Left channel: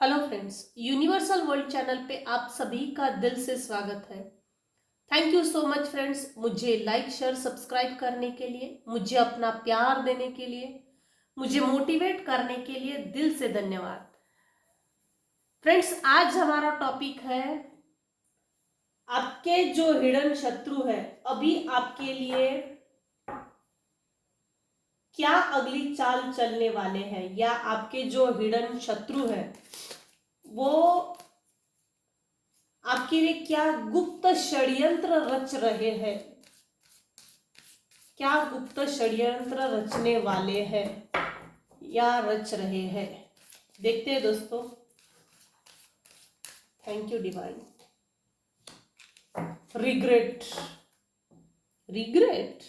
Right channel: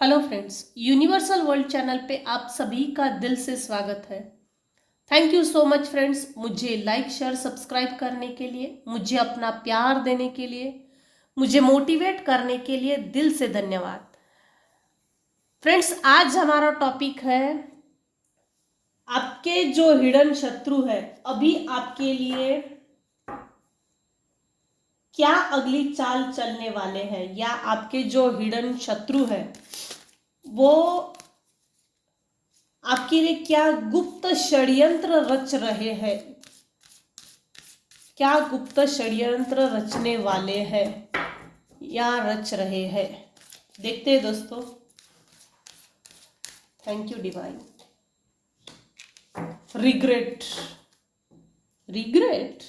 Hello friends, universal world channel पे आप सभी का दिल से स्वागत है। Thank you so much friends, मुझे लाइक शेयर सब्सक्राइब करने के लिए, मुझे अपना प्यार देने के लिए, मुझे मोटिवेट करने के लिए दिल से धन्यवाद। फ्रेंड्स, आज हमारा टॉपिक है आपके जो हिडन शत्रु है, अभी आपके लिए क्या अगली चाल चलने वाले हैं, या आपके जो हिडन शत्रु है वो आपके लिए क्या गुप्त षड्यंत्र रच रहे हैं, क्या गुप्त षड्यंत्र रचने वाले हैं या रच रहे हैं। देखते हैं दोस्तों। Thank you divine. Regret, regret,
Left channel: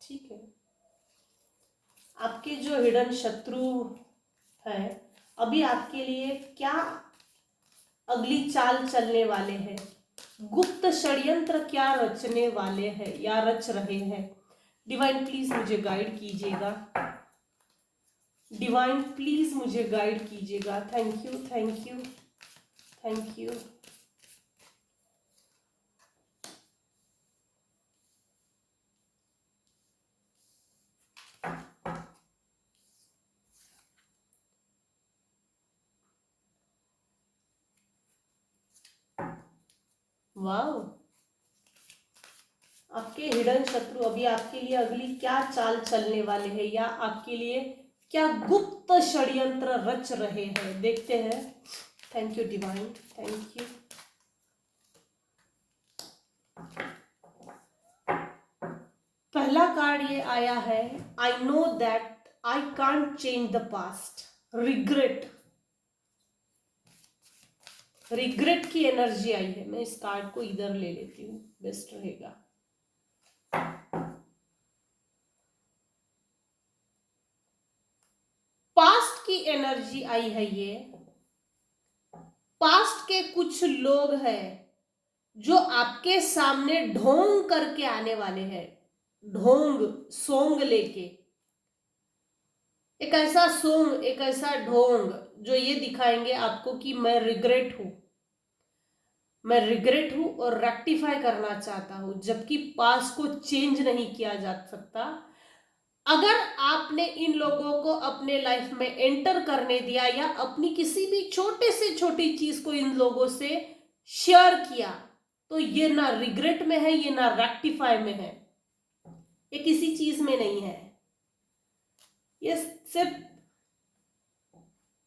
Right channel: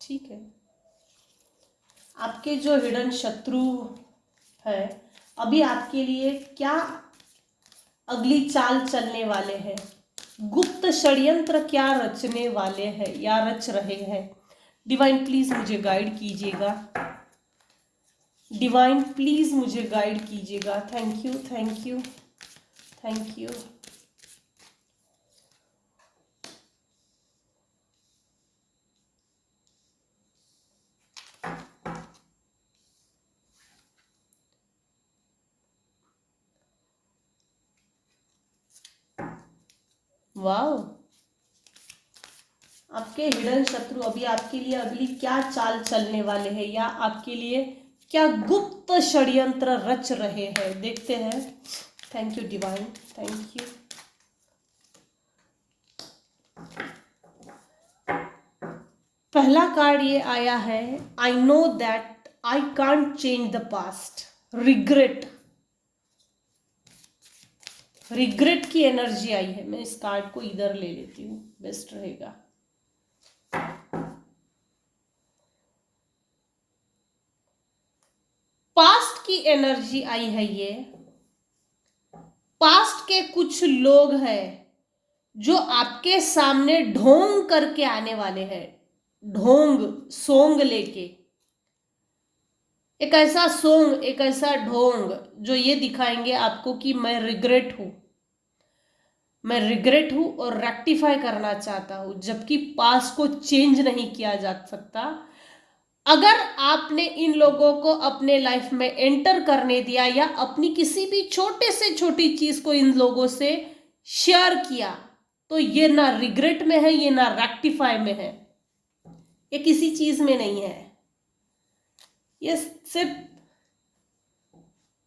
ठीक है। आपके जो हिडन शत्रु है, अभी आपके लिए क्या अगली चाल चलने वाले हैं, गुप्त षड्यंत्र क्या रचने वाले हैं या रच रहे हैं। डिवाइन प्लीज मुझे गाइड कीजिएगा, डिवाइन प्लीज मुझे गाइड कीजिएगा। Thank you, thank you, thank you. वाह, आपके हिडन शत्रु अभी आपके लिए अगली क्या चाल चलने वाले हैं, या आपके लिए क्या गुप्त षड्यंत्र रच रहे हैं। देखते हैं। Thank you divine, thank you. पहला कार्ड ये आया है, आई know that I can't change the past. Regret, regret की एनर्जी आई है। मैं इस कार्ड को इधर ले लेती हूँ, बेस्ट रहेगा। पास्ट की एनर्जी आई है ये। पास्ट के कुछ लोग हैं जो आपके सामने ढोंग करके आने वाले हैं, ढोंग सोंग लेके। एक ऐसा सोंग, एक ऐसा ढोंग जो ये दिखाएंगे आपको कि मैं रिग्रेट हूं, मैं रिग्रेट हूं और रेक्टिफाई करना चाहता हूं, जबकि पास्ट को चेंज नहीं किया जा सकता। अगर आपने इन लोगों को अपने लाइफ में एंटर करने दिया, या अपनी किसी भी छोटे से छोटी चीज को इन लोगों से शेयर किया, तो ये ना रिग्रेट में है, ये ना रेक्टिफाई में है, ये किसी चीज में नहीं है। ये सिर्फ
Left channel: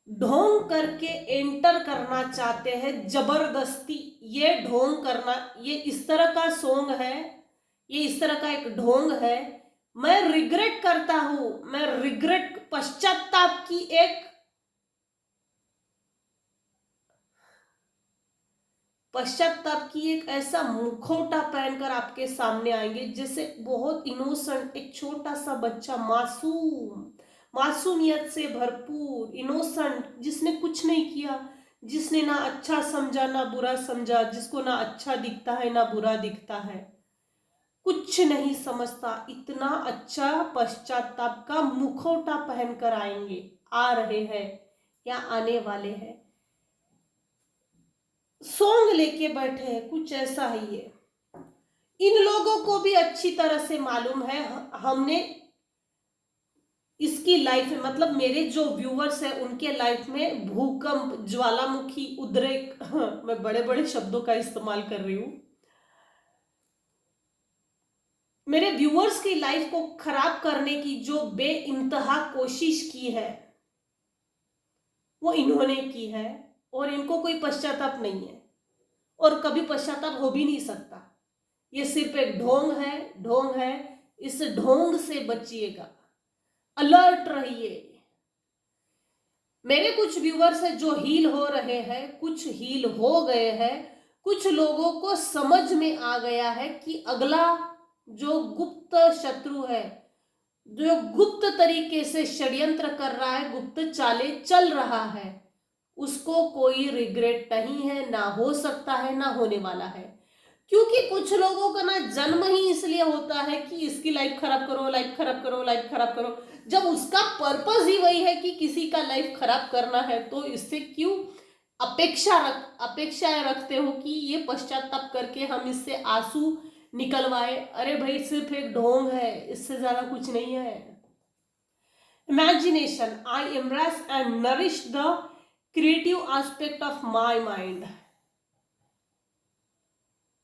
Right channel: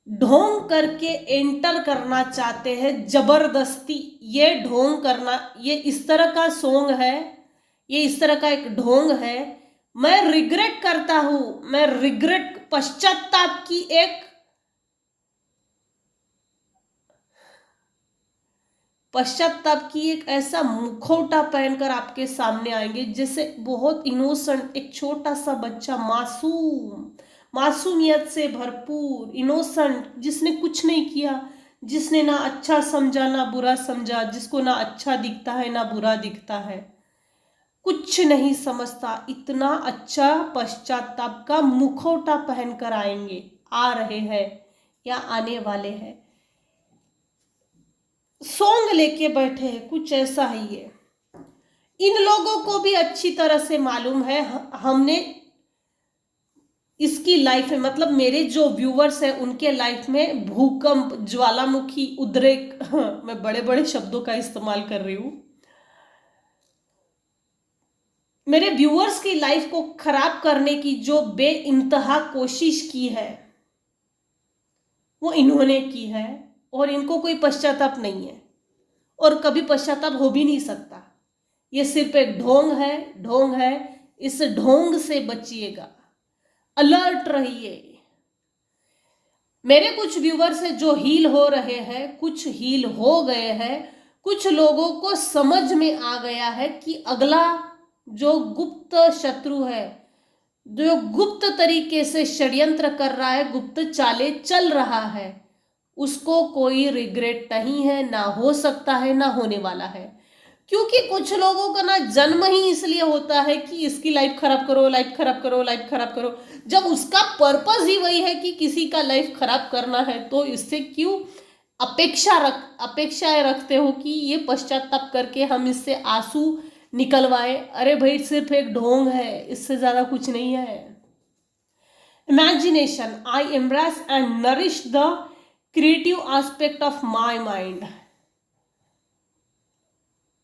ढोंग करके एंटर करना चाहते हैं, जबरदस्ती। ये ढोंग करना, ये इस तरह का सोंग है, ये इस तरह का एक ढोंग है। मैं रिग्रेट करता हूं, मैं रिग्रेट, पश्चाताप की एक, पश्चाताप की एक ऐसा मुखौटा पहनकर आपके सामने आएंगे, जैसे बहुत इनोसेंट एक छोटा सा बच्चा, मासूम, मासूमियत से भरपूर, इनोसेंट, जिसने कुछ नहीं किया, जिसने ना अच्छा समझा ना बुरा समझा, जिसको ना अच्छा दिखता है ना बुरा दिखता है, कुछ नहीं समझता, इतना अच्छा पश्चाताप का मुखौटा पहनकर आएंगे, आ रहे हैं या आने वाले हैं। सोंग लेके बैठे हैं, कुछ ऐसा ही है। इन लोगों को भी अच्छी तरह से मालूम है, हमने इसकी लाइफ में, मतलब मेरे जो व्यूवर्स हैं उनके लाइफ में भूकंप, ज्वालामुखी, उद्रेक मैं बड़े बड़े शब्दों का इस्तेमाल कर रही हूं। मेरे व्यूअर्स की लाइफ को खराब करने की जो बेइंतहा कोशिश की है, वो इन्होंने की है, और इनको कोई पश्चाताप नहीं है, और कभी पश्चाताप हो भी नहीं सकता। ये सिर्फ एक ढोंग है, ढोंग है। इस ढोंग से बचिएगा, अलर्ट रहिए। मेरे कुछ व्यूवर्स हैं जो हील हो रहे हैं, कुछ हील हो गए हैं, कुछ लोगों को समझ में आ गया है कि अगला जो गुप्त शत्रु है, जो गुप्त तरीके से षड्यंत्र कर रहा है, गुप्त चालें चल रहा है, उसको कोई रिग्रेट नहीं है, ना हो सकता है, ना होने वाला है। क्योंकि कुछ लोगों का ना जन्म ही इसलिए होता है कि इसकी लाइफ खराब करो, लाइफ खराब करो, लाइफ खराब करो, जब उसका पर्पस ही वही है कि किसी का लाइफ खराब करना है तो इससे क्यों अपेक्षाएं रखते हो कि ये पश्चाताप करके हम इससे आंसू निकलवाए? अरे भाई सिर्फ एक ढोंग है, इससे ज्यादा कुछ नहीं है। Imagination, I embrace and nourish the creative aspect of my mind.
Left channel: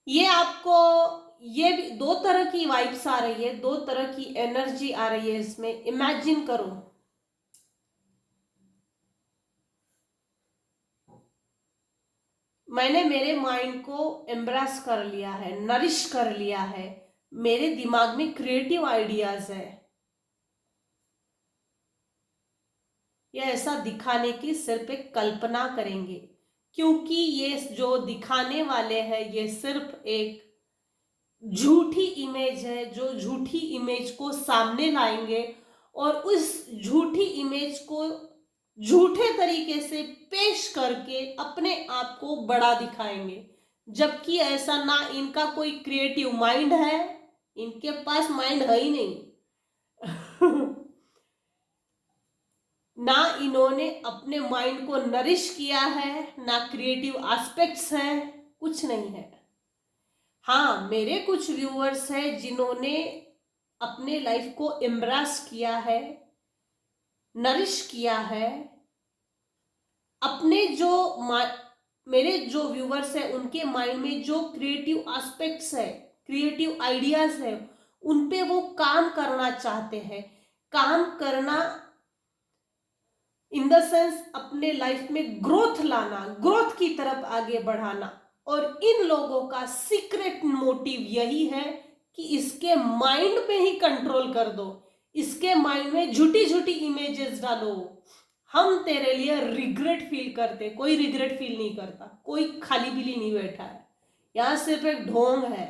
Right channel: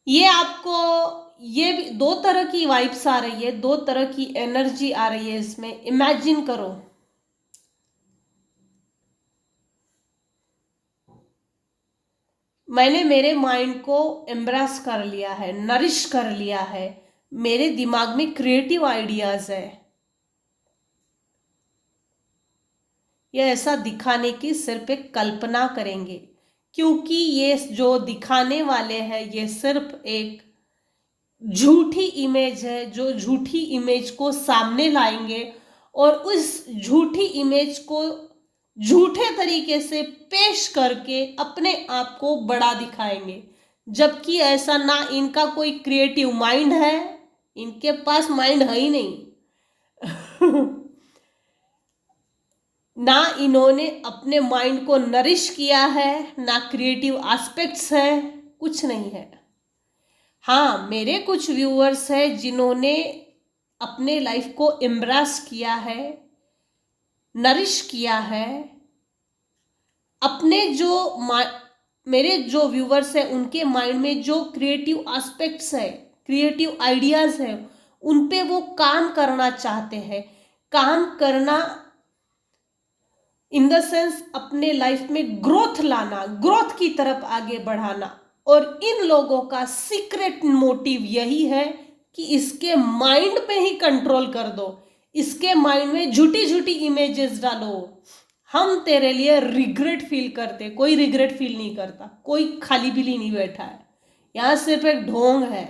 ये आपको, ये भी दो तरह की वाइब्स आ रही है, दो तरह की एनर्जी आ रही है इसमें। इमेजिन करो, मैंने मेरे माइंड को एम्ब्रेस कर लिया है, नरिश कर लिया है, मेरे दिमाग में क्रिएटिव आइडियाज है। ये ऐसा दिखाने की सिर्फ एक कल्पना करेंगे, क्योंकि ये जो दिखाने वाले हैं ये सिर्फ एक झूठी इमेज है, जो झूठी इमेज को सामने लाएंगे और उस झूठी इमेज को झूठे तरीके से पेश करके अपने आप को बड़ा दिखाएंगे, जबकि ऐसा ना इनका कोई क्रिएटिव माइंड है, इनके पास माइंड है ही नहीं ना इन्होंने अपने माइंड को नरिश किया है, ना क्रिएटिव एस्पेक्ट्स है, कुछ नहीं है। हाँ, मेरे कुछ व्यूअर्स हैं जिन्होंने अपने लाइफ को एम्ब्रेस किया है, नरिश किया है। अपने जो मेरे जो व्यूअर्स हैं उनके माइंड में जो क्रिएटिव एस्पेक्ट्स है, क्रिएटिव आइडियाज है, उन पे वो काम करना चाहते हैं। काम करना इन द सेंस अपने लाइफ में ग्रोथ लाना, ग्रोथ की तरफ आगे बढ़ाना। और इन लोगों का सीक्रेट मोटिव यही है कि इसके माइंड पे ही कंट्रोल कर दो, इसके माइंड में झूठी झूठी इमेजेस डालो। हम तेरे लिए रिग्रेट फील करते, कोई रिग्रेट फील नहीं करता, कोई खाली बिली नहीं बैठा है, यहां सिर्फ एक ढोंग है।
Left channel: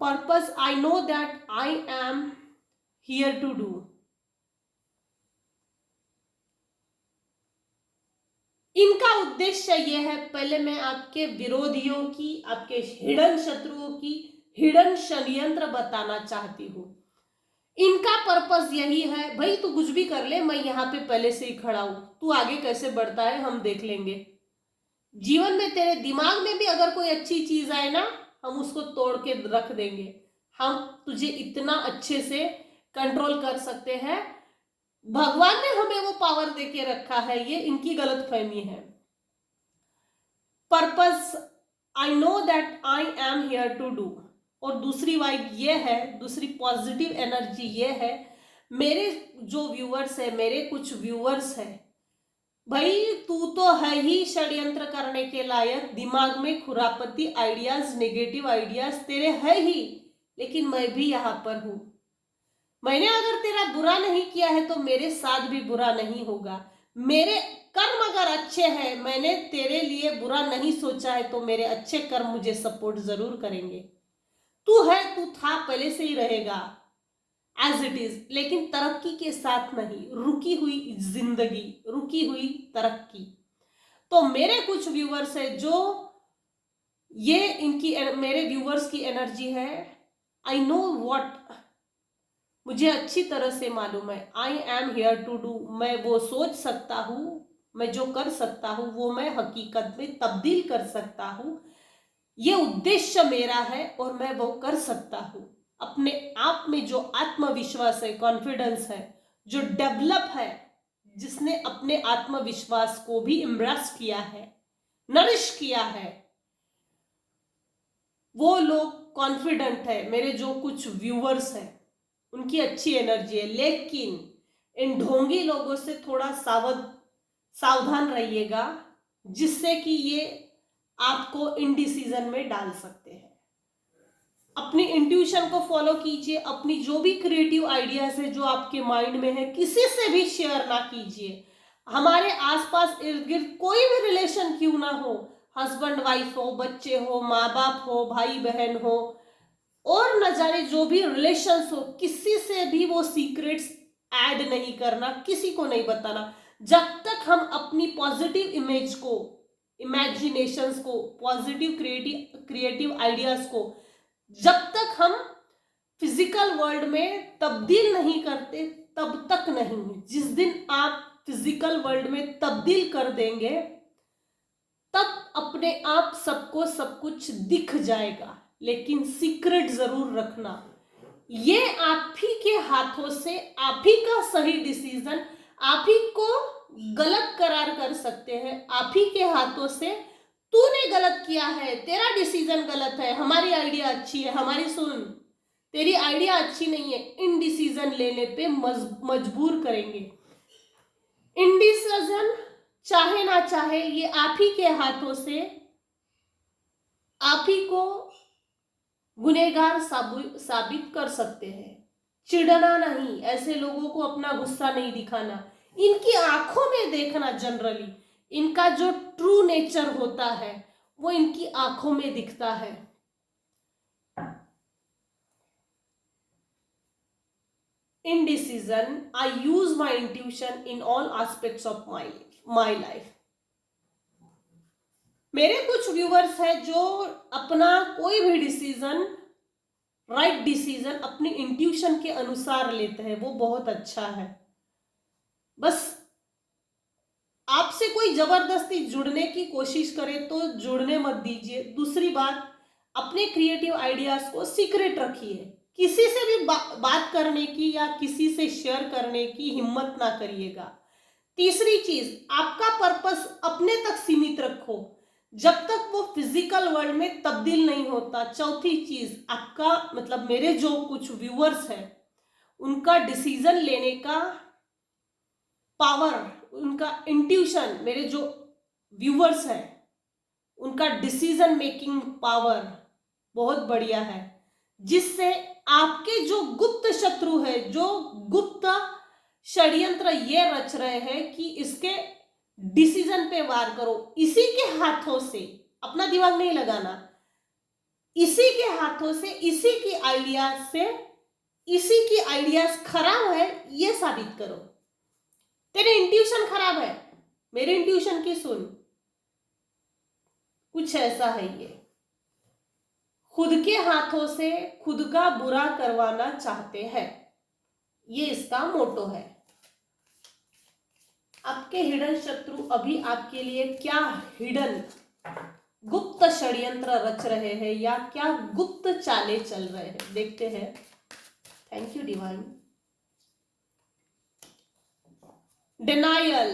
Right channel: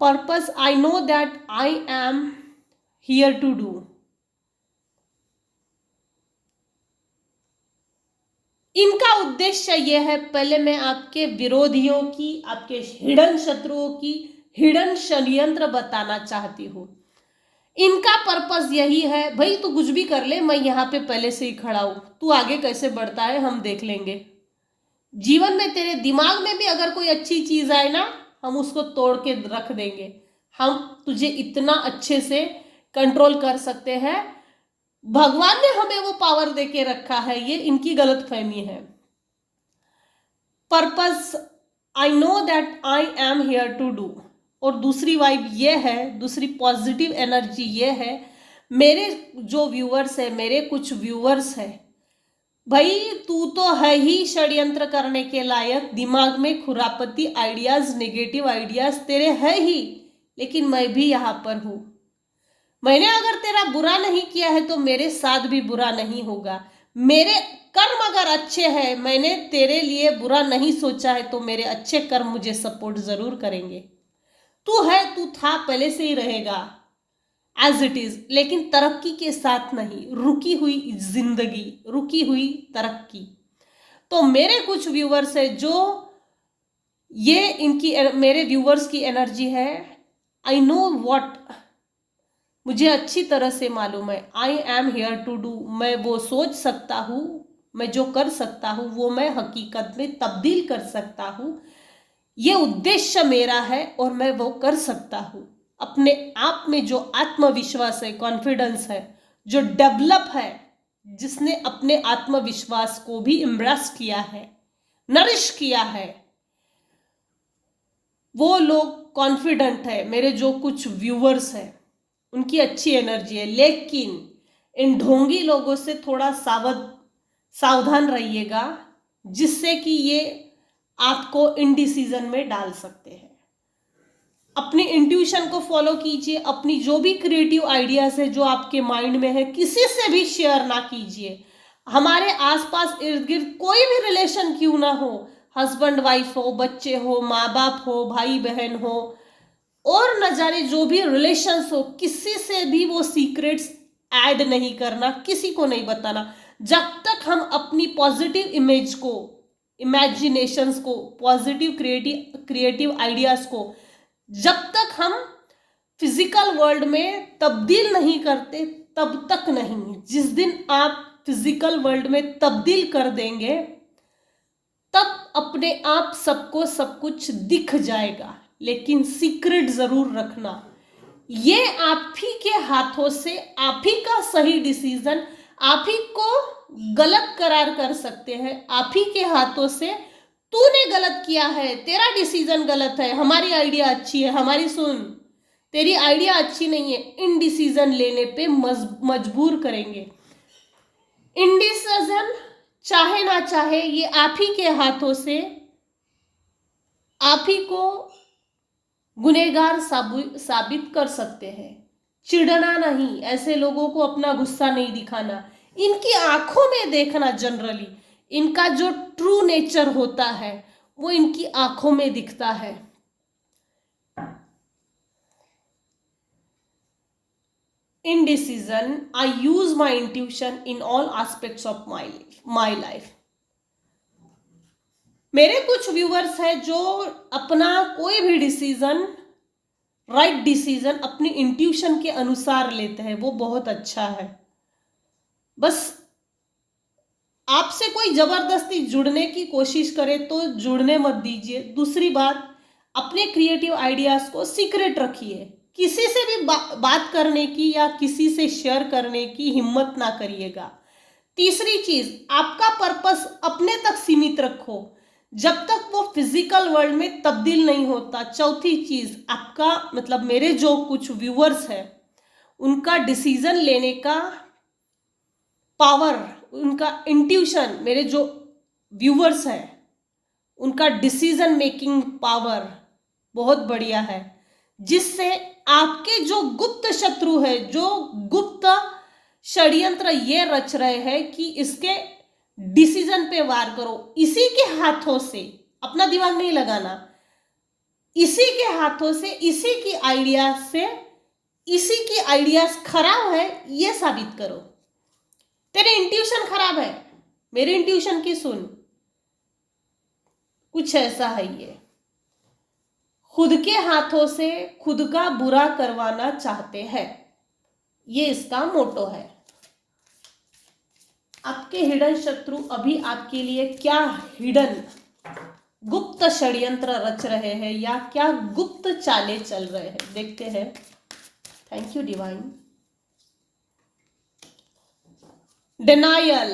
Purpose, I know that I am here to do. इनका उद्देश्य यह है, पहले मैं आपके विरोधियों की, आपके हिडन शत्रुओं की हिडन षड्यंत्र बताना चाहती हूं। इनका पर्पस यही है, भाई तू कुछ भी कर ले, मैं यहाँ पे पहले से ही खड़ा हूं, तू आगे कैसे बढ़ता है हम देख लेंगे। जीवन में तेरे दिमाग में भी अगर कोई अच्छी चीज आए ना, हम उसको तोड़ के रख देंगे, हम तुझे इतना अच्छे से कंट्रोल कर सकते हैं, भगवान ने हमें वो पावर देके रखा है। ये इनकी गलतफहमी है। Purpose, I know that I am here to do. और दूसरी वाइब ये है, दूसरी पॉजिटिव एनर्जी ये है, मेरे जो व्यूअर्स है, मेरे कुछ व्यूअर्स है, भाई तू तो है ही षड्यंत्र करने के लायक, दिमाग में खुरापती आइडियाज, नेगेटिव आइडियाज तेरे है ही, लेकिन मैं भी यहां पर हूं। मैंने अगर तेरा बुरा नहीं किया है तो मेरे साथ भी बुरा नहीं होगा। मेरे कर्म अगर अच्छे हैं, मैंने तेरे लिए बुरा नहीं सोचा है तो मेरे अच्छे कर्म मुझे सपोर्ट जरूर करेंगे। तू है, तू था, पहले से ही रहेगा एज इट इज, लेकिन तरक्की के साथ नहीं, रुकी हुई जिंदगी, रुकी हुई तरक्की। तो मेरे कुछ व्यूअर्स है जो ये इनकी, मेरे व्यूअर्स की एनर्जी है। आई नो व्हाट, मुझे अच्छी तरह से मालूम है, I am here to do. मैं वो सोच सकता हूँ, मैं जो कर सकता हूँ वो मैं हकीकत में तब्दील कर सकता हूँ। ये उद्देश्य मेरा है और मैं वो कर सकता हूँ। अपने आप में जो आत्मविश्वास है, कॉन्फिडेंस है, जो डेवलप है, जिसने अपने आत्मविश्वास को भी इम्ब्रेस किया है, नरिश किया है, वो लोग कॉन्फिडेंट है। मेरे जो कुछ व्यूअर्स हैं उनकी अच्छी एनर्जी है, लेकिन इन ढोंगी लोगों से थोड़ा सावधान रहिएगा, जिससे कि ये आपको इनडिसीजन में डाल सकते हैं। अपनी इंट्यूशन को फॉलो कीजिए, अपनी जो भी क्रिएटिव आइडियाज है जो आपके माइंड में है, किसी से भी शेयर ना कीजिए। हमारे आसपास इर्द गिर्द कोई भी रिलेशन क्यों ना हो, हस्बैंड वाइफ हो, बच्चे हो, माँ बाप हो, भाई बहन हो, और न जाने जो भी रिलेशंस हो, किसी से भी वो सीक्रेट्स ऐड नहीं करना, किसी को नहीं बताना। जब तक हम अपनी पॉजिटिव इमेज को, इमेजिनेशंस को, पॉजिटिव क्रिएटिव आइडियाज को जब तक हम फिजिकल वर्ल्ड में तब्दील नहीं करते, तब तक नहीं। जिस दिन आप फिजिकल वर्ल्ड में तब्दील कर देंगे तब अपने आप सबको सब कुछ दिख जाएगा, लेकिन सीक्रेट जरूर रखना। ये आप ही के हाथों से, आप ही का सही डिसीजन आप ही को गलत करार कर सकते हैं। आप ही के हाथों से, तूने गलत किया है, तेरा डिसीजन गलत है, हमारी आइडिया अच्छी है, हमारी सुन, तेरी आइडिया अच्छी नहीं है, इन डिसीजन लेने पे मजबूर करेंगे। इंडिसीजन चाहे ना चाहे ये आप ही के हाथों से आप ही को गुनहगार साबित कर सकते हैं। चिढ़ना नहीं, ऐसे लोगों को अपना गुस्सा नहीं दिखाना, इनकी आंखों में देखना। जनरली इनका जो ट्रू नेचर होता है वो इनकी आंखों में दिखता है। Indecision, I use my intuition in all aspects of my life. मेरे कुछ व्यूअर्स हैं जो अपना कोई भी डिसीजन, राइट डिसीजन अपनी इंट्यूशन के अनुसार लेते हैं, वो बहुत अच्छा है। बस आपसे कोई जबरदस्ती जुड़ने की कोशिश करे तो जुड़ने मत दीजिए। दूसरी बात, अपने क्रिएटिव आइडियाज को सीक्रेट रखिए। किसी से भी बात करने की या किसी से शेयर करने की हिम्मत ना करिएगा। तीसरी चीज, आपका पर्पस अपने तक सीमित रखो जब तक वो फिजिकल वर्ल्ड में तब्दील नहीं होता। चौथी चीज, आपका मतलब मेरे जो कुछ व्यूअर्स हैं उनका डिसीजन लेने का पावर, उनका इंट्यूशन, मेरे जो व्यूअर्स हैं उनका डिसीजन मेकिंग पावर बहुत बढ़िया है, जिससे आपके जो गुप्त शत्रु है, जो गुप्त षड्यंत्र ये रच रहे हैं कि इसके डिसीजन पे वार करो, इसी के हाथों से, अपना दिमाग नहीं लगाना, इसी के हाथों से, इसी की आइडियाज से, इसी की आइडियाज खराब है ये साबित करो। तेरे इंट्यूशन खराब है, मेरे इंट्यूशन की सुन। कुछ ऐसा है ये, खुद के हाथों से खुद का बुरा करवाना चाहते हैं, ये इसका मोटो है। आपके हिडन शत्रु अभी आपके लिए क्या हिडन गुप्त षड्यंत्र रच रहे हैं या क्या गुप्त चालें चल रहे हैं, देखते हैं। Thank you divine. Denial.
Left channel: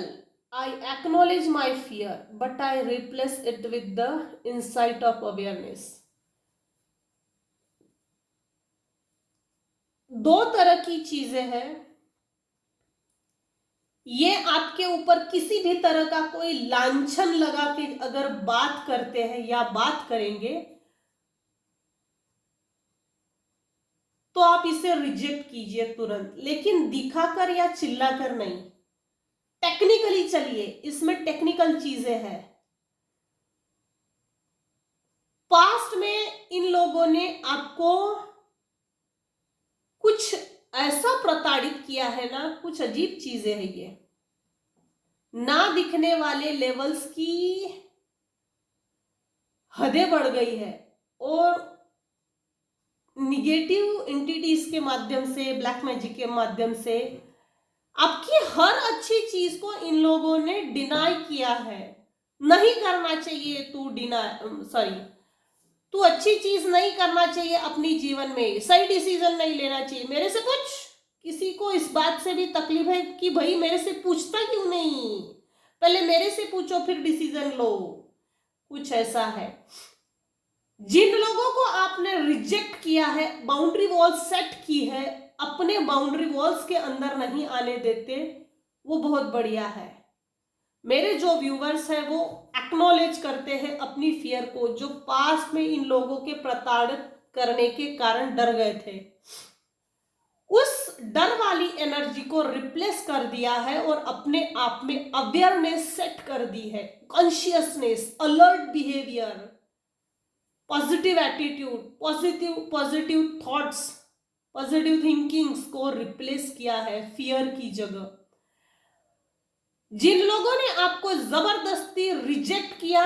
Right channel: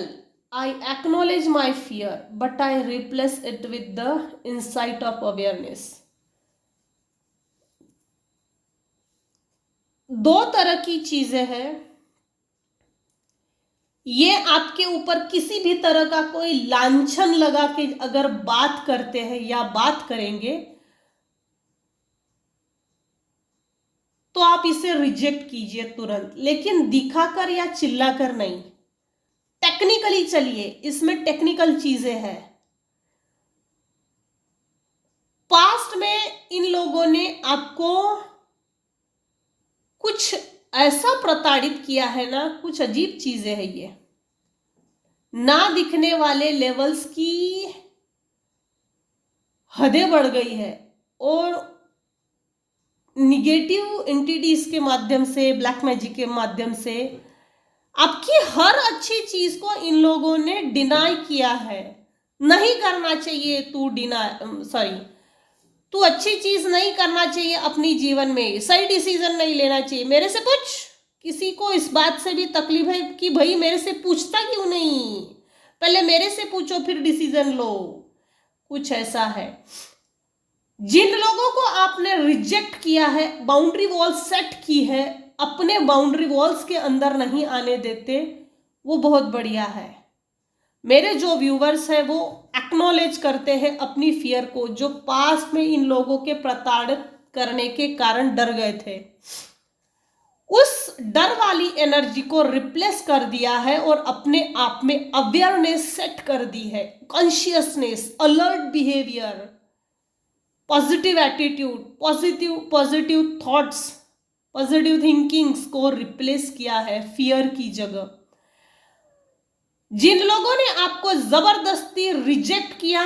I acknowledge my fear, but I replace it with the insight of awareness. दो तरह की चीजें हैं। ये आपके ऊपर किसी भी तरह का कोई लांछन लगा के अगर बात करते हैं या बात करेंगे तो आप इसे रिजेक्ट कीजिए तुरंत, लेकिन दिखाकर या चिल्लाकर नहीं। टेक्निकली चलिए, इसमें टेक्निकल चीजें हैं। पास्ट में इन लोगों ने आपको कुछ ऐसा प्रताड़ित किया है ना, कुछ अजीब चीजें हैं ये। ना दिखने वाले लेवल्स की हदें बढ़ गई है और निगेटिव एंटिटीज के माध्यम से, ब्लैक मैजिक के माध्यम से आपकी हर अच्छी चीज को इन लोगों ने डिनाई किया है। नहीं करना चाहिए, तू अच्छी चीज नहीं करना चाहिए अपनी जीवन में, सही डिसीजन नहीं लेना चाहिए। मेरे से पूछ, किसी को इस बात से भी तकलीफ है कि भाई मेरे से पूछता क्यों नहीं, पहले मेरे से पूछो फिर डिसीजन लो। कुछ ऐसा है। जिन लोगों को आपने रिजेक्ट किया है, बाउंड्री वॉल सेट की है, अपने बाउंड्री वॉल्स के अंदर नहीं आने देते, वो बहुत बढ़िया है। मेरे जो व्यूवर्स हैं वो एक्नॉलेज करते हैं अपनी फियर को, जो पास्ट में इन लोगों के प्रताड़ित करने के कारण डर गए थे। उस डर वाली एनर्जी को रिप्लेस कर दिया है और अपने आप में अवेयरनेस सेट कर दी है, consciousness, alert behaviour, positive attitude, positive thoughts, positive thinkings को रिप्लेस किया है फियर की जगह। जिन लोगों ने आपको जबरदस्ती रिजेक्ट किया,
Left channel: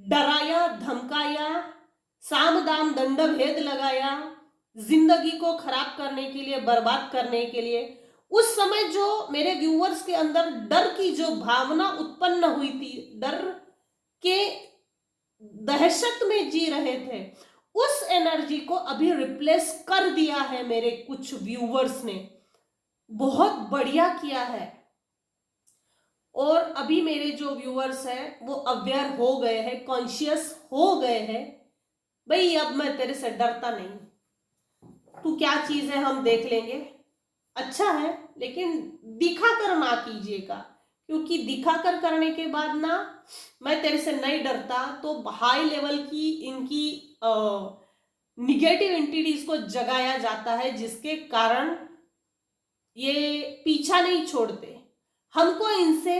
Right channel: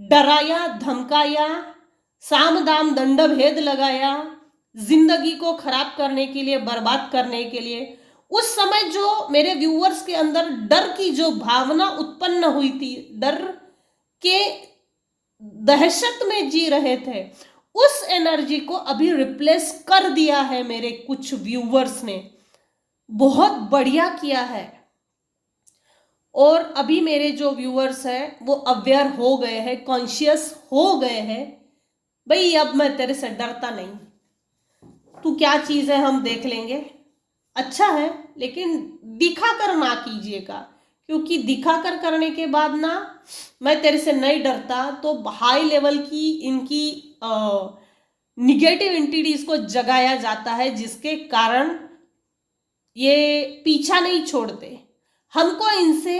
डराया, धमकाया, साम दाम दंड भेद लगाया, जिंदगी को खराब करने के लिए, बर्बाद करने के लिए, उस समय जो मेरे व्यूअर्स के अंदर डर की जो भावना उत्पन्न हुई थी, डर के दहशत में जी रहे थे, उस एनर्जी को अभी रिप्लेस कर दिया है मेरे कुछ व्यूअर्स ने। बहुत बढ़िया किया है। और अभी मेरे जो व्यूअर्स हैं वो अवेयर हो गए हैं, कॉन्शियस हो गए हैं, भाई अब मैं तेरे से डरता नहीं, तू क्या चीज है हम देख लेंगे, अच्छा है लेकिन दिखाकर ना कीजिएगा, क्योंकि दिखाकर करने के बाद ना मैं तेरे से नहीं डरता तो हाई लेवल की इनकी निगेटिव एंटिटीज को जगाया जाता है, जिसके कारण ये पीछा नहीं छोड़ते। हमको इनसे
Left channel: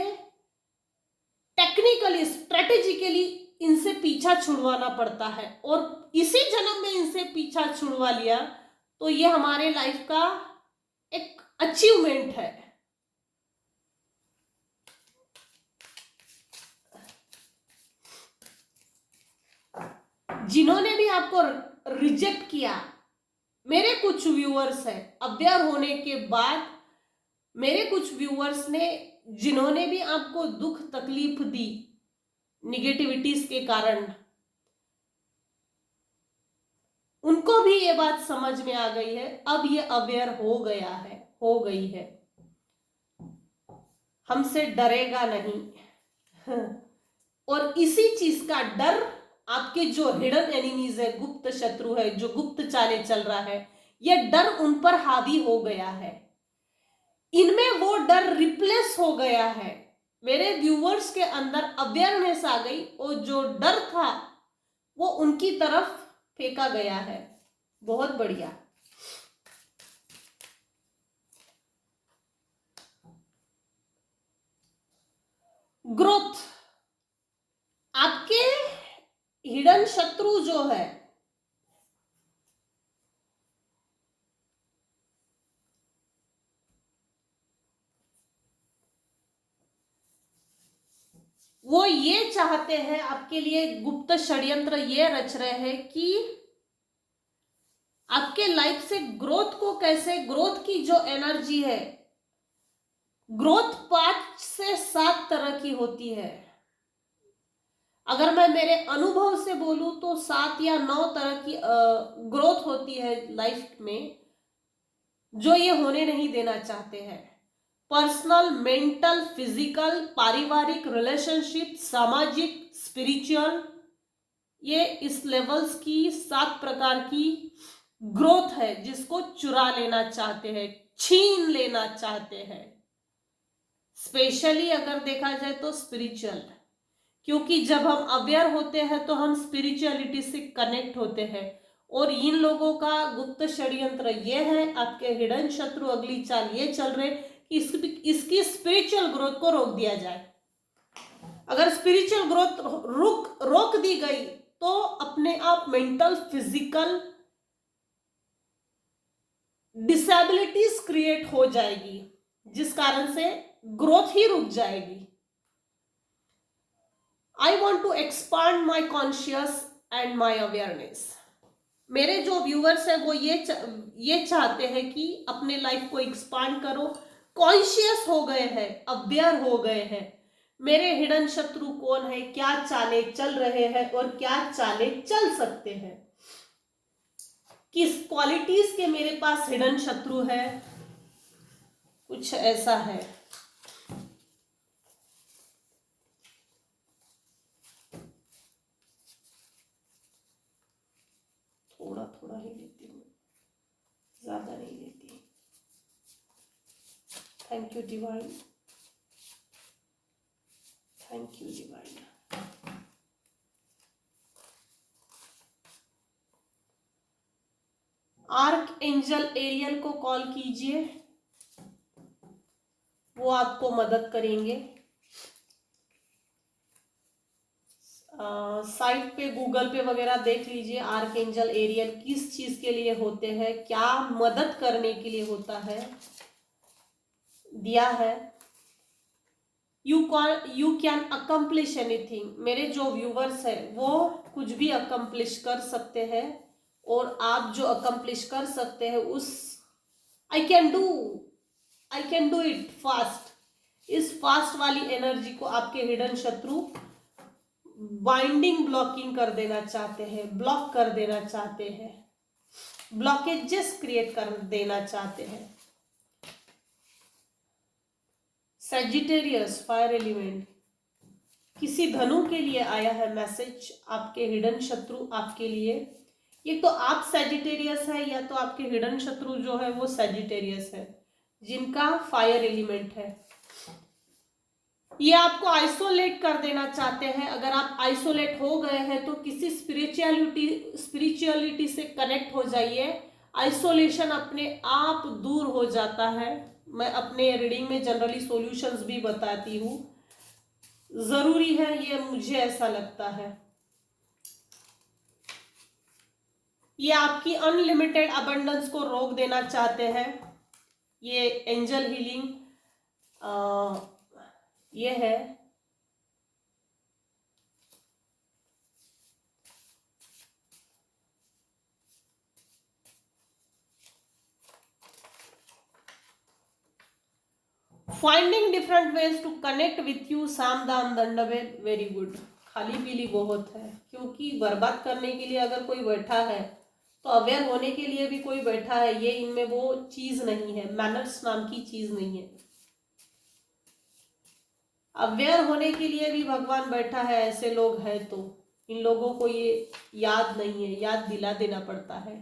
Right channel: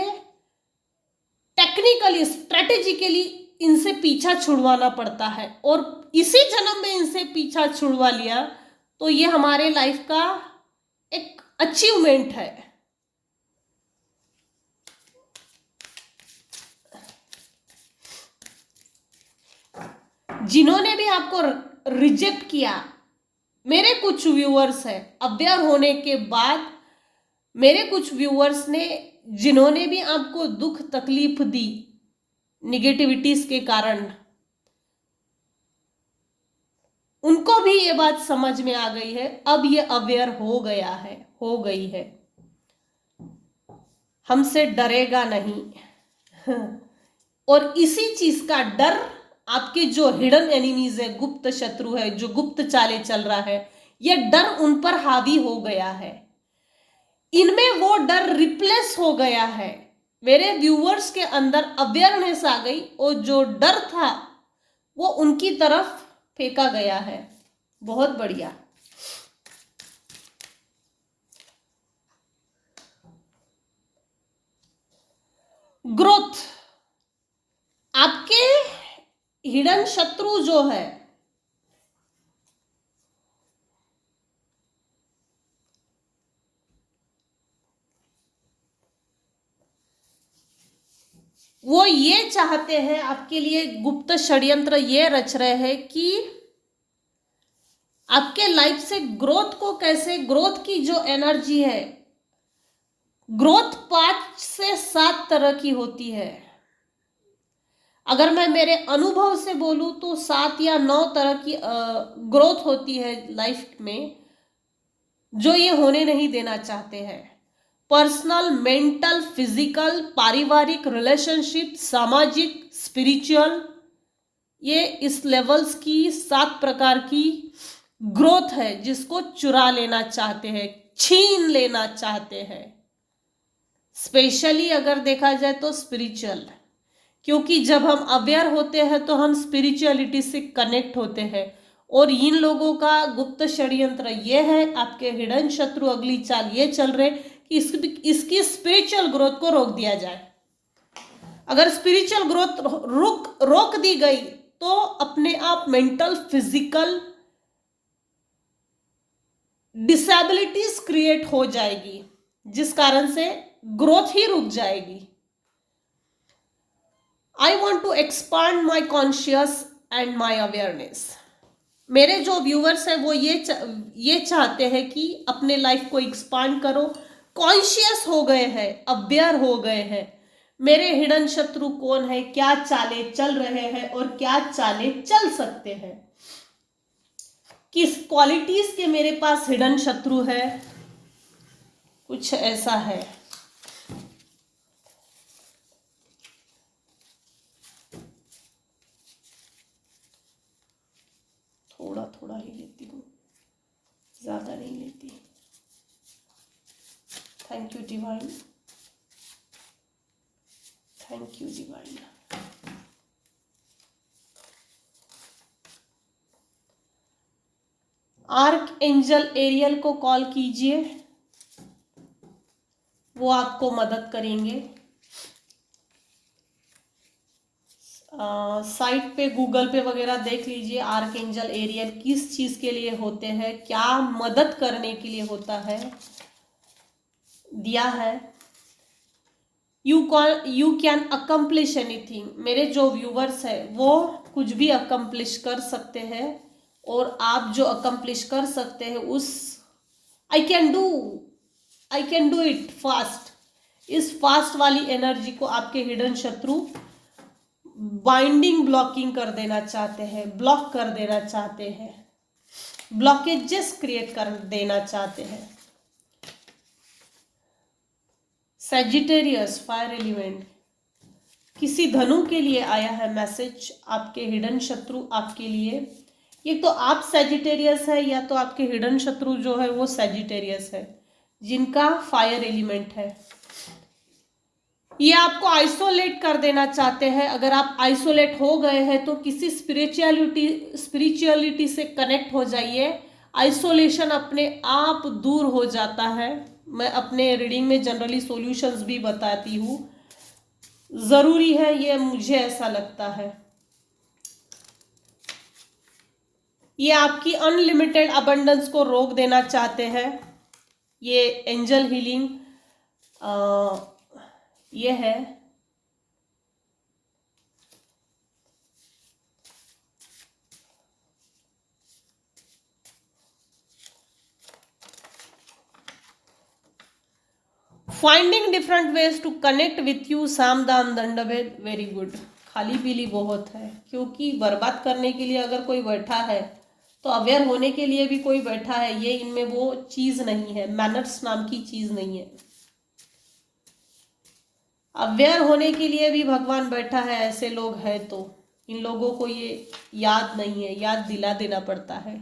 टेक्निकली स्ट्रेटेजिकली इनसे पीछा छुड़वाना पड़ता है, और इसी जन्म में इनसे पीछा छुड़वा लिया तो ये हमारे लाइफ का एक अचीवमेंट है। जिन्होंने भी आपको रिजेक्ट किया, मेरे कुछ व्यूअर्स हैं अवेयर होने के बाद, मेरे कुछ व्यूअर्स ने जिन्होंने भी आपको दुख तकलीफ दी निगेटिविटीज के कारण, उनको भी ये बात समझ में आ गई है, अब ये अवेयर हो गया है, हो गई है, हमसे डरेगा नहीं। और इसी चीज का डर आपके जो हिडन एनिमीज है, गुप्त शत्रु है, जो गुप्त चाले चल रहा है, ये डर उन पर हावी हो गया है, इनमें वो डर रिप्लेस हो गया है। मेरे व्यूअर्स के अंदर अवेयरनेस आ गई और जो डर था वो उनकी तरफ फेंका गया है। बहुत बढ़िया। ग्रोथ, आपके हिडन शत्रु जो है वो ये चाहते हैं, आपके लिए गुप्त षड्यंत्र ये रच रहे हैं कि आपके लाइफ से ग्रोथ को कैसे, ग्रोथ की जो एनर्जी है, ग्रोथ 5 से 7 तरह की होती है। अगर मैं मेरे अनुभव से बोलूं तो 7 या 9 तरह की ग्रोथ होती है लाइफ में, जो ये होने नहीं देना चाहते हैं। पर्सनल, मेंटल, फिजिकल, पारिवारिक, रिलेशनशिप, सामाजिक, स्पिरिचुअल, ये इस लेवल्स की 7 प्रकार की ग्रोथ है जिसको चुरा लेना चाहते हैं, छीन लेना चाहते हैं। स्पेशली अगर देखा जाए तो स्पिरिचुअल, क्योंकि जब हम अवेयर होते हैं तो हम स्पिरिचुअलिटी से कनेक्ट होते हैं, और इन लोगों का गुप्त षड्यंत्र ये है, आपके हिडन शत्रु अगली चाल ये चल रहे कि इसकी स्पिरिचुअल ग्रोथ को रोक दिया जाए। अगर स्पिरिचुअल ग्रोथ रोक दी गई तो अपने आप मेंटल, फिजिकल डिसेबिलिटीज क्रिएट हो जाएगी, जिस कारण से ग्रोथ ही रुक जाएगी। I want to expand my conscious and my awareness. मेरे जो व्यूअर्स हैं वो ये चाहते हैं कि अपने लाइफ को एक्सपांड करो, कॉन्शियस हो गए हैं, अवेयर हो गए हैं, मेरे हिडन शत्रु कौन है, क्या चाले चल रहे हैं और क्या चाले चल सकते हैं, किस क्वालिटीज के मेरे पास हिडन शत्रु है, कुछ ऐसा है। थोड़ा थोड़ा ही लेती हूँ, ज्यादा नहीं लेती। Thank you divine, thank you divine. Archangel Ariel को कॉल कीजिए, वो आपको मदद करेंगे। साइट पे, गूगल पे वगैरह देख लीजिए, आर्क एंजल एरियल किस चीज के लिए होते हैं, क्या मदद करने के लिए होता है, दिया है। You can accomplish anything. मेरे जो व्यूवर्स है वो कुछ भी अकम्प्लिश कर सकते हैं, और आप जो अकम्प्लिश कर सकते हैं उस I can do I can do it fast. इस फास्ट वाली एनर्जी को आपके हिडन शत्रु बाइंडिंग ब्लॉकिंग कर देना चाहते हैं, ब्लॉक कर देना चाहते हैं, ब्लॉकेजेस क्रिएट कर देना चाहते हैं। सैजिटेरियस फायर एलिमेंट, किसी धनु के लिए आया है मैसेज, आपके हिडन शत्रु आपके लिए, ये तो आप सैजिटेरियस है या तो आपके हिडन शत्रु जो है वो सैजिटेरियस है, जिनका फायर एलिमेंट है। ये आपको आइसोलेट कर देना चाहते हैं। अगर आप आइसोलेट हो गए हैं तो किसी स्पिरिचुअलिटी से कनेक्ट हो जाइए। आइसोलेशन अपने आप दूर हो जाता है। मैं अपने रीडिंग में जनरली सॉल्यूशंस भी बताती हूँ, जरूरी है, ये मुझे ऐसा लगता है। ये आपकी अनलिमिटेड अबंडेंस को रोक देना चाहते हैं। ये एंजल हीलिंग ये है। Finding different ways to connect with you, साम दाम दंडभेद, वेरी गुड। खाली पीली बहुत है, क्योंकि बर्बाद करने के लिए अगर कोई बैठा है तो अवेयर होने के लिए भी कोई बैठा है। ये इनमें वो चीज नहीं है, मैनर्स नाम की चीज नहीं है। अवेयर होने के लिए भी भगवान बैठा है। ऐसे लोग हैं तो इन लोगों को ये याद नहीं है, याद दिला देना पड़ता है।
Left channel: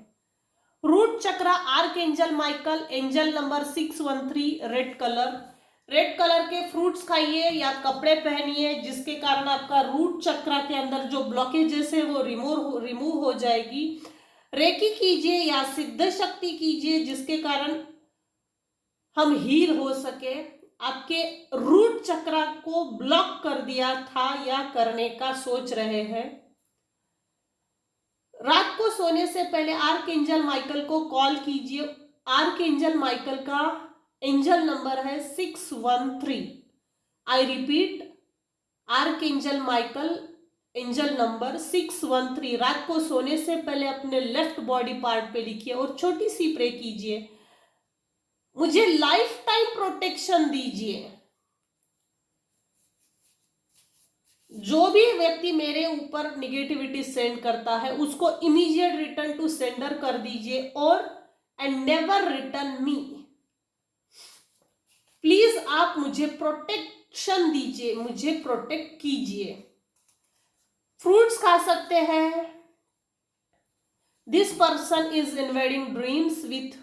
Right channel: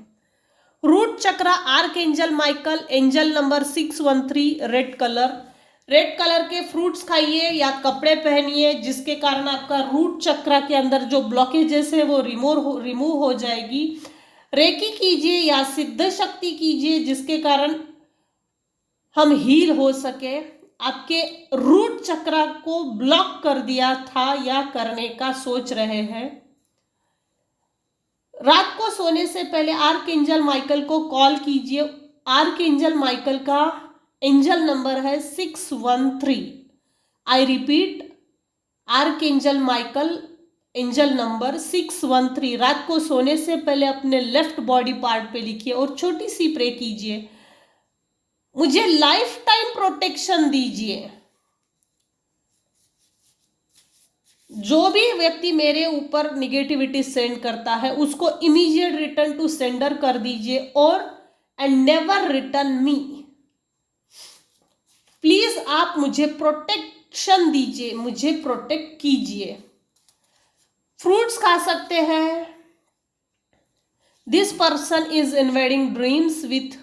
रूट चक्र, arc angel Michael, angel number 613, red colour. Red colour के फ्रूट्स खाइए या कपड़े पहनिए, जिसके कारण आपका रूट चक्र के अंदर जो ब्लॉकेजेस है वो रिमूव हो जाएगी। रेकी कीजिए या सिद्ध शक्ति कीजिए, जिसके कारण हम हील हो सके। आपके रूट चक्र को ब्लॉक कर दिया था या करने का सोच रहे हैं, रात को सोने से पहले आर्क एंजल माइकल को कॉल कीजिए। आर्क एंजल माइकल का एंजल नंबर है 613। I repeat, arc angel Michael angel number 613। रात को सोने से पहले अपने लेफ्ट बॉडी पार्ट पे लिखिए और छोटी सी प्रे कीजिए, मुझे लाइफ टाइम प्रोटेक्शन दीजिए। जो भी व्यक्ति मेरे ऊपर निगेटिविटी सेंड करता है उसको इमीडिएट रिटर्न टू सेंडर कर दीजिए, और and never return me. Please आप मुझे प्रोटेक्शन दीजिए, मुझे प्रोटेक्ट कीजिए। फ्रूट्स खा सकते हैं। This person is invading dreams with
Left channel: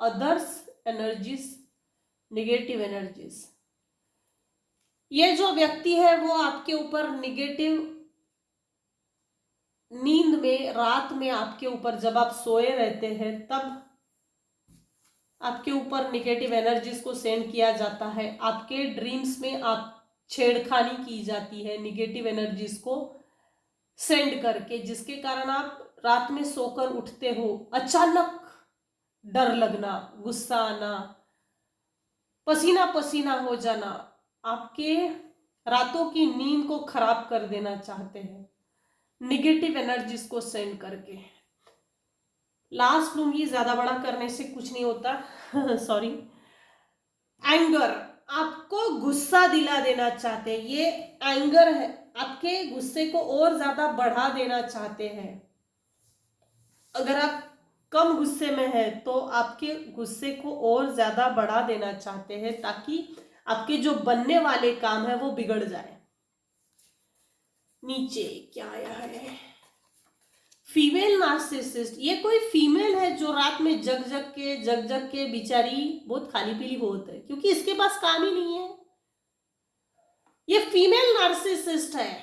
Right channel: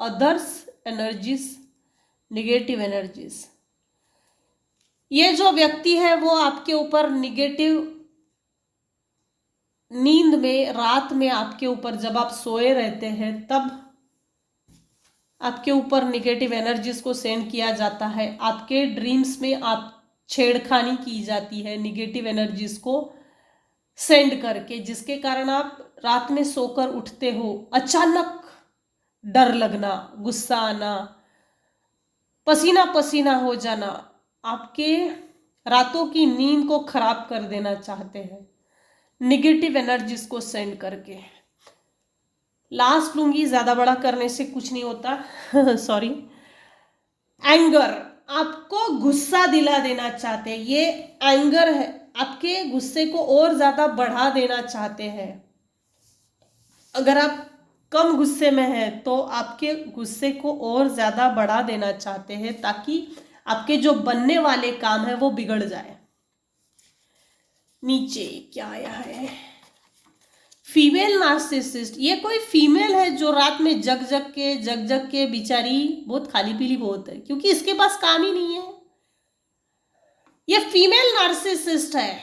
others energies, negative energies. ये जो व्यक्ति है वो आपके ऊपर निगेटिव नींद में, रात में आपके ऊपर जब आप सोए रहते हैं तब आपके ऊपर निगेटिव एनर्जीज को सेंड किया जाता है। आपके ड्रीम्स में आप छेड़खानी की जाती है निगेटिव एनर्जीज को सेंड करके, जिसके कारण आप रात में सोकर उठते हो, अचानक डर लगना, गुस्सा आना, पसीना पसीना हो जाना, आपके रातों की नींद को खराब कर देना चाहते हैं निगेटिव एनर्जीज को सेंड करके। लास्ट लूंगी, ज्यादा बड़ा करने से कुछ नहीं होता सॉरी। एंगर, आपको गुस्सा दिला देना चाहते हैं, ये एंगर है, आपके गुस्से को और ज्यादा बढ़ा देना चाहते हैं। अगर आप कम गुस्से में हैं तो आपके गुस्से को और ज्यादा बढ़ा देना चाहते हैं, ताकि आपके जो बनने वाले काम है वो बिगड़ जाए। नीचे क्या आया है, फीमेल नार्सिसिस्ट। ये कोई फीमेल है जो रात में जग जग के बेचारी बहुत खाली पीली बहुत है, क्योंकि इसके पास काम ही नहीं है। ये फीमेल नार्सिसिस्ट है।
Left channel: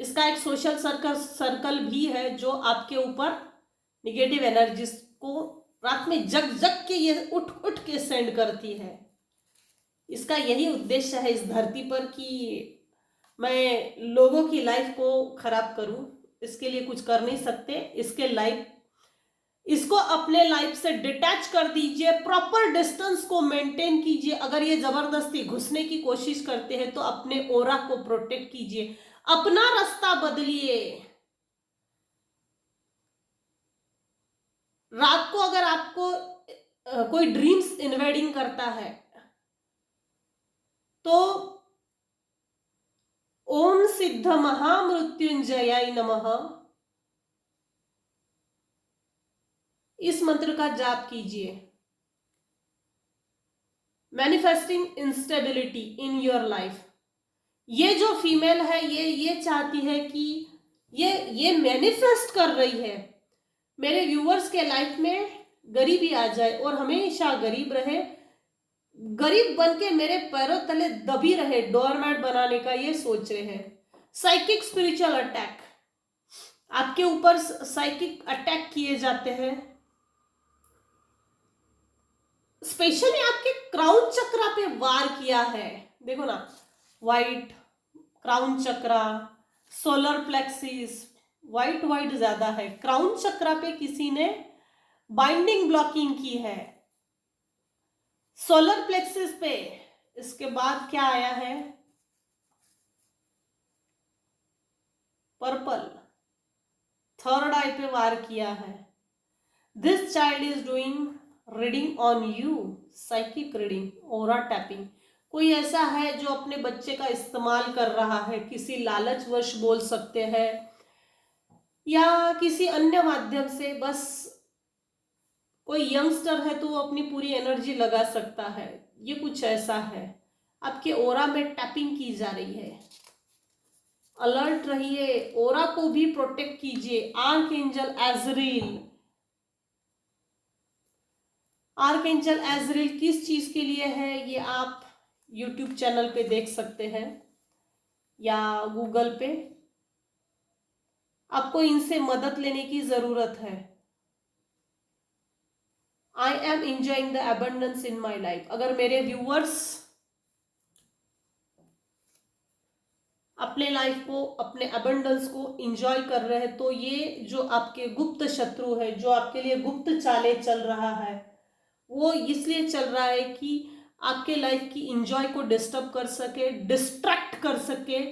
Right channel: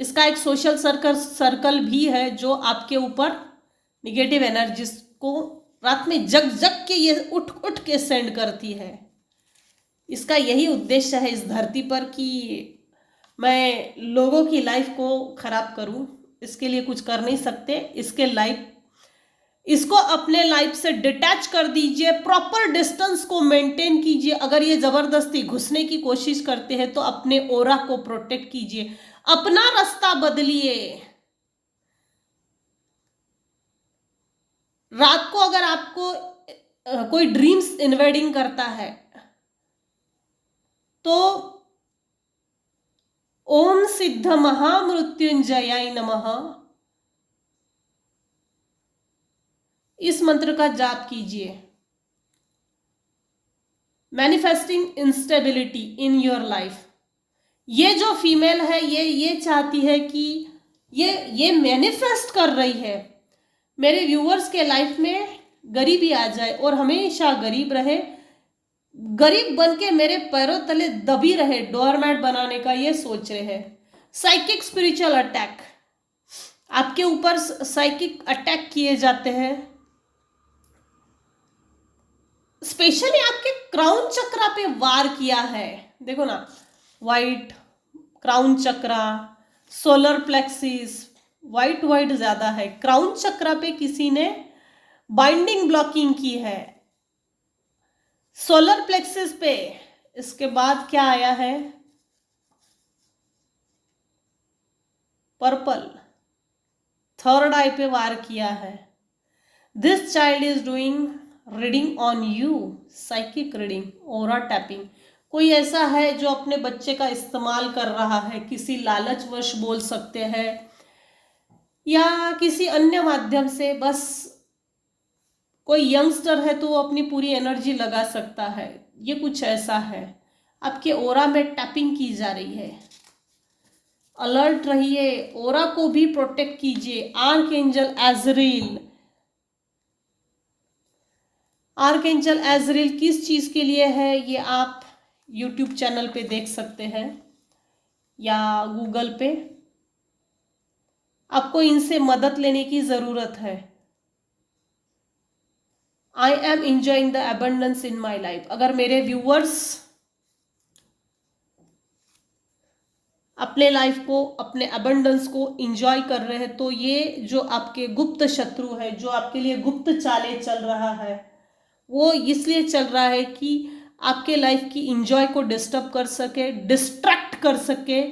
इसका एक सोशल सर्कल भी है जो आपके ऊपर निगेटिव एनर्जीज को रात में जग के ये उठ के सेंड करती है। इसका यही उद्देश्य है इस धरती पर कि मैं लोगों की लाइफ को खराब करूं। इसके लिए कुछ कर नहीं सकते। इसको अपने लाइफ से डिटैच कर दीजिए, प्रॉपर डिस्टेंस को मेंटेन कीजिए। अगर ये जबरदस्ती घुसने की कोशिश करते हैं तो अपने ओरा को प्रोटेक्ट कीजिए, अपना रास्ता बदलिए। रात को अगर आपको कोई ड्रीम्स इन्वेडिंग करता है तो ओम सिद्ध महामृत्युंजयाय नमः इस मंत्र का जाप कीजिए। Manifesting instability in your life. ये जो फीमेल है ये चाहती है कि ये मैनिफेस्ट कर रही है मेरे व्यूअर्स के लाइफ में गरीबी आ जाए और हमेशा गरीब रहे, गरीब बन के मेरे पैरों तले दबी रहे, डोरमैट बनाने का ये सोच रहे हैं। साइकिक स्पिरिचुअल अटैक, आपके ऊपर साइकिक अटैक किए जाते हैं, स्पेशली आपके क्राउन चक्रा पे वार किया है। देखो ना, वाइट क्राउन चक्रा, सोलर प्लेक्सिस, वाइट ज्यादा है। क्राउन चक्रा पे किसी ने बाइंडिंग ब्लॉकिंग की है, सोलर प्लेक्सिस पे। इसके बाद क्या आया है, पर्पल, थर्ड आई पे वार किया है। This child is doing reading on you, psychic reading, aura tapping. कोई ऐसा है जो अपने बच्चे का इस्तेमाल कर रहा है, किसी लालचवश बोल सकते हैं या किसी अन्य माध्यम से। बस कोई यंगस्टर है तो वो अपनी पूरी एनर्जी लगा सकता है, ये कुछ ऐसा है। आपके ओरा में टैपिंग की जा रही है, अलर्ट रहिए, ओरा को भी प्रोटेक्ट कीजिए। आर्कएंजल एजरील, आर्कएंजल एजरील किस चीज के लिए है ये आप यूट्यूब चैनल पे देख सकते हैं या गूगल पे। आपको इनसे मदद लेने की जरूरत है। I M enjoying the abundance in my life. अगर मेरे व्यूअर्स अपने लाइफ को, अपने अबंडेंस को इंजॉय कर रहे हैं तो ये जो आपके गुप्त शत्रु है, जो आपके लिए गुप्त चालें चल रहा है, वो इसलिए चल रहा है कि आपके लाइफ की इंजॉय को डिस्टर्ब कर सके, डिस्ट्रैक्ट कर सके,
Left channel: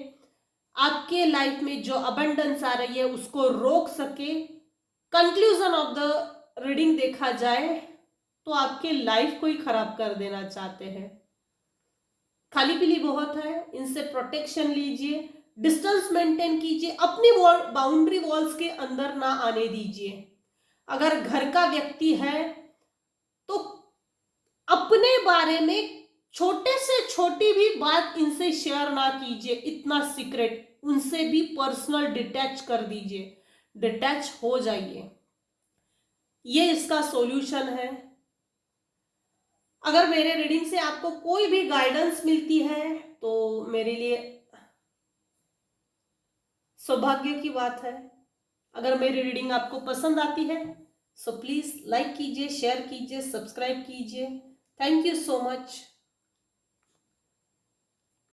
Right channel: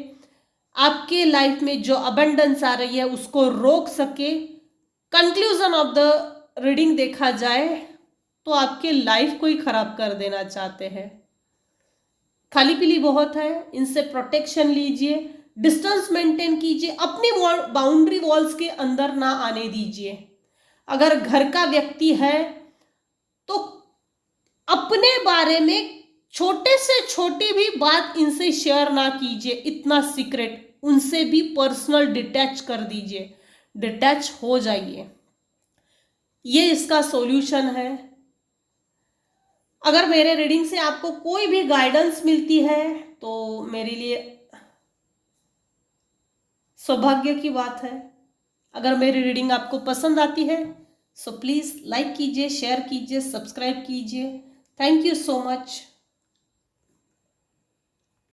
आपके लाइफ में जो अबंडेंस आ रही है उसको रोक सके। कंक्लूजन ऑफ द रीडिंग देखा जाए तो आपके लाइफ को ही खराब कर देना चाहते हैं। खाली पीली बहुत है, इनसे प्रोटेक्शन लीजिए, डिस्टेंस मेंटेन कीजिए, अपनी बाउंड्री वॉल्स के अंदर ना आने दीजिए। अगर घर का व्यक्ति है तो अपने बारे में छोटे से छोटी भी बात इनसे शेयर ना कीजिए, इतना सीक्रेट, उनसे भी पर्सनल डिटैच कर दीजिए, डिटैच हो जाइए। ये इसका सॉल्यूशन है। अगर मेरे रीडिंग से आपको कोई भी गाइडेंस मिलती है तो मेरे लिए सौभाग्य की बात है। अगर मेरी रीडिंग आपको पसंद आती है सो प्लीज लाइक कीजिए, शेयर कीजिए, सब्सक्राइब कीजिए। Thank you so much.